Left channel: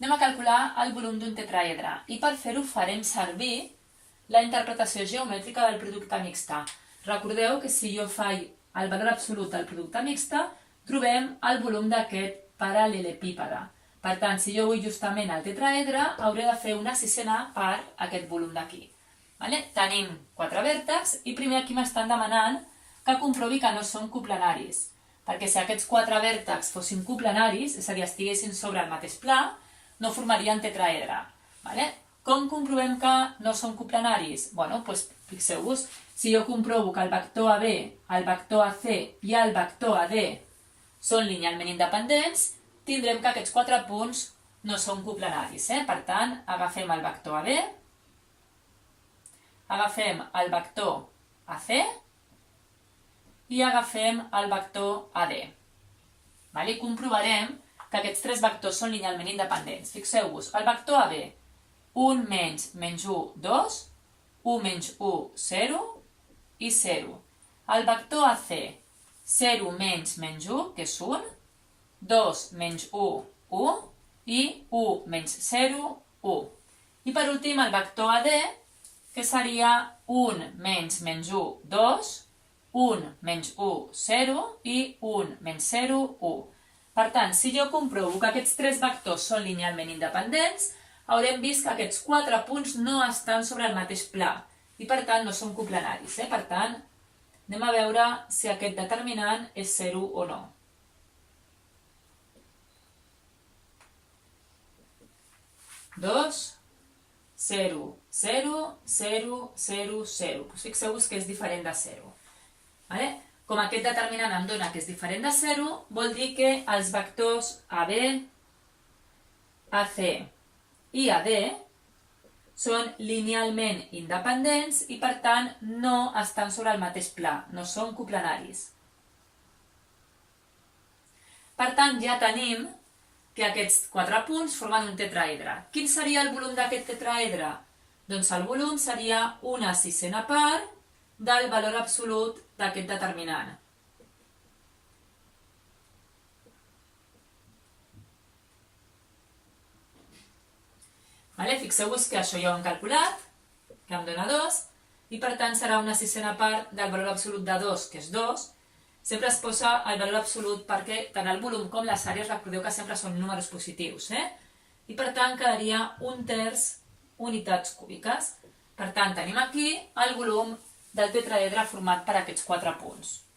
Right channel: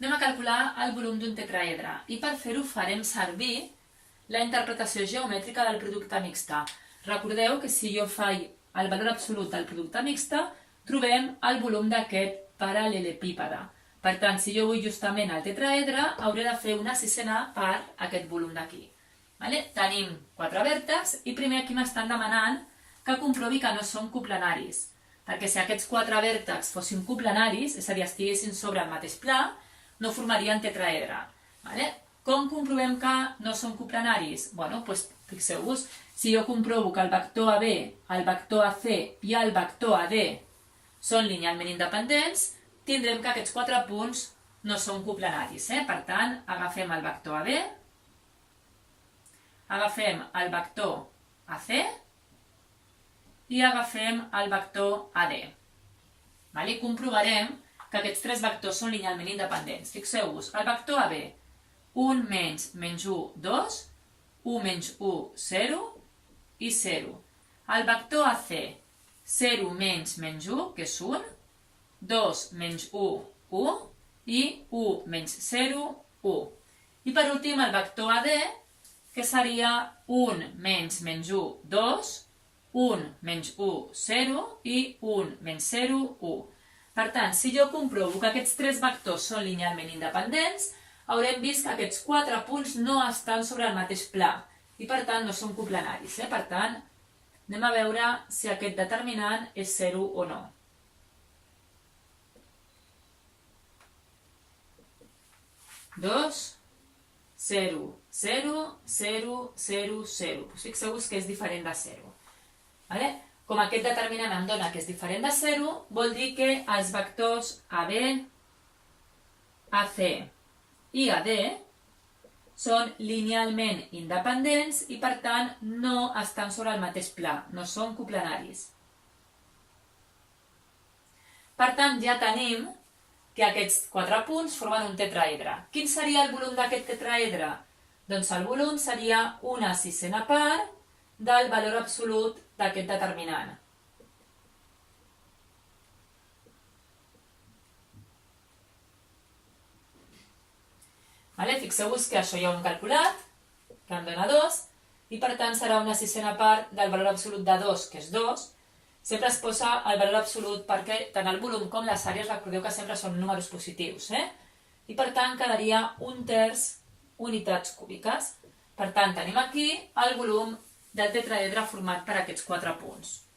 Anem a calcular el volum d'un tetraedre i per fer-ho farem servir la interpretació geomètrica del producte mixte. Recordeu que si jo faig el valor absolut del producte mixte, trobem el volum d'aquest paral·lelepípede. Per tant, si jo vull justament el tetraedre, hauré de fer una sisena part aquest volum d'aquí. Tenim 4 vèrtexs i primer aquí m'estan demanant que comprovi que no són coplenaris. Perquè si aquests 4 vèrtexs fossin coplenaris, és a dir, estiguessin sobre el mateix pla, no formarien tetraedre. Com comprovem que no són coplenaris? Doncs fixeu-vos, si jo comprovo que el vector AB, el vector AC i el vector AD són linealment independents, tindrem que aquests 4 punts no són coplenaris. Per tant, agafem el vector AB, agafem el vector AC i agafem el vector AD. I comprovarem que aquests 3 vectors són linealment independents. Fixeu-vos, el vector AB, 1 menys 1, 2, 1 menys 1, 0 i 0. El vector AC, 0 menys 1, que és 1, 2 menys 1, 1 i 1 menys 0, 1. I per últim el vector AD, que seria 1 menys 1, 2, 1 menys 1, 0 i 1 menys 0, 1. Per tant, si jo comprovo que aquests 3 vectors són linealment independents, haurem vist que aquests 4 punts no estan sobre el mateix pla i per tant no són coplenaris. Per tant, anem a veure si aquest determinant és 0 o no. 2, 0, 0, 0, 0, 0. Fixeu-vos que és diferent de 0. Com aquest determinant em dona que és diferent de 0, vol dir que els vectors AB, AC i AD són linealment independents i per tant no estan sobre el mateix pla, no són coplenaris. Per tant, ja tenim que aquests 4 punts formen un tetraedre. Quin seria el volum d'aquest tetraedre? Doncs el volum seria una sisena part del valor absolut d'aquest determinant. Fixeu-vos que això ja ho hem calculat, que em dona 2, i per tant serà una sisena part del valor absolut de 2, que és 2. Sempre es posa el valor absolut perquè tant el volum com les àrees, recordeu que sempre són números positius, i per tant quedaria 1/3 unitats cúbiques. Per tant, tenim aquí el volum del tetraedre format per aquests 4 punts.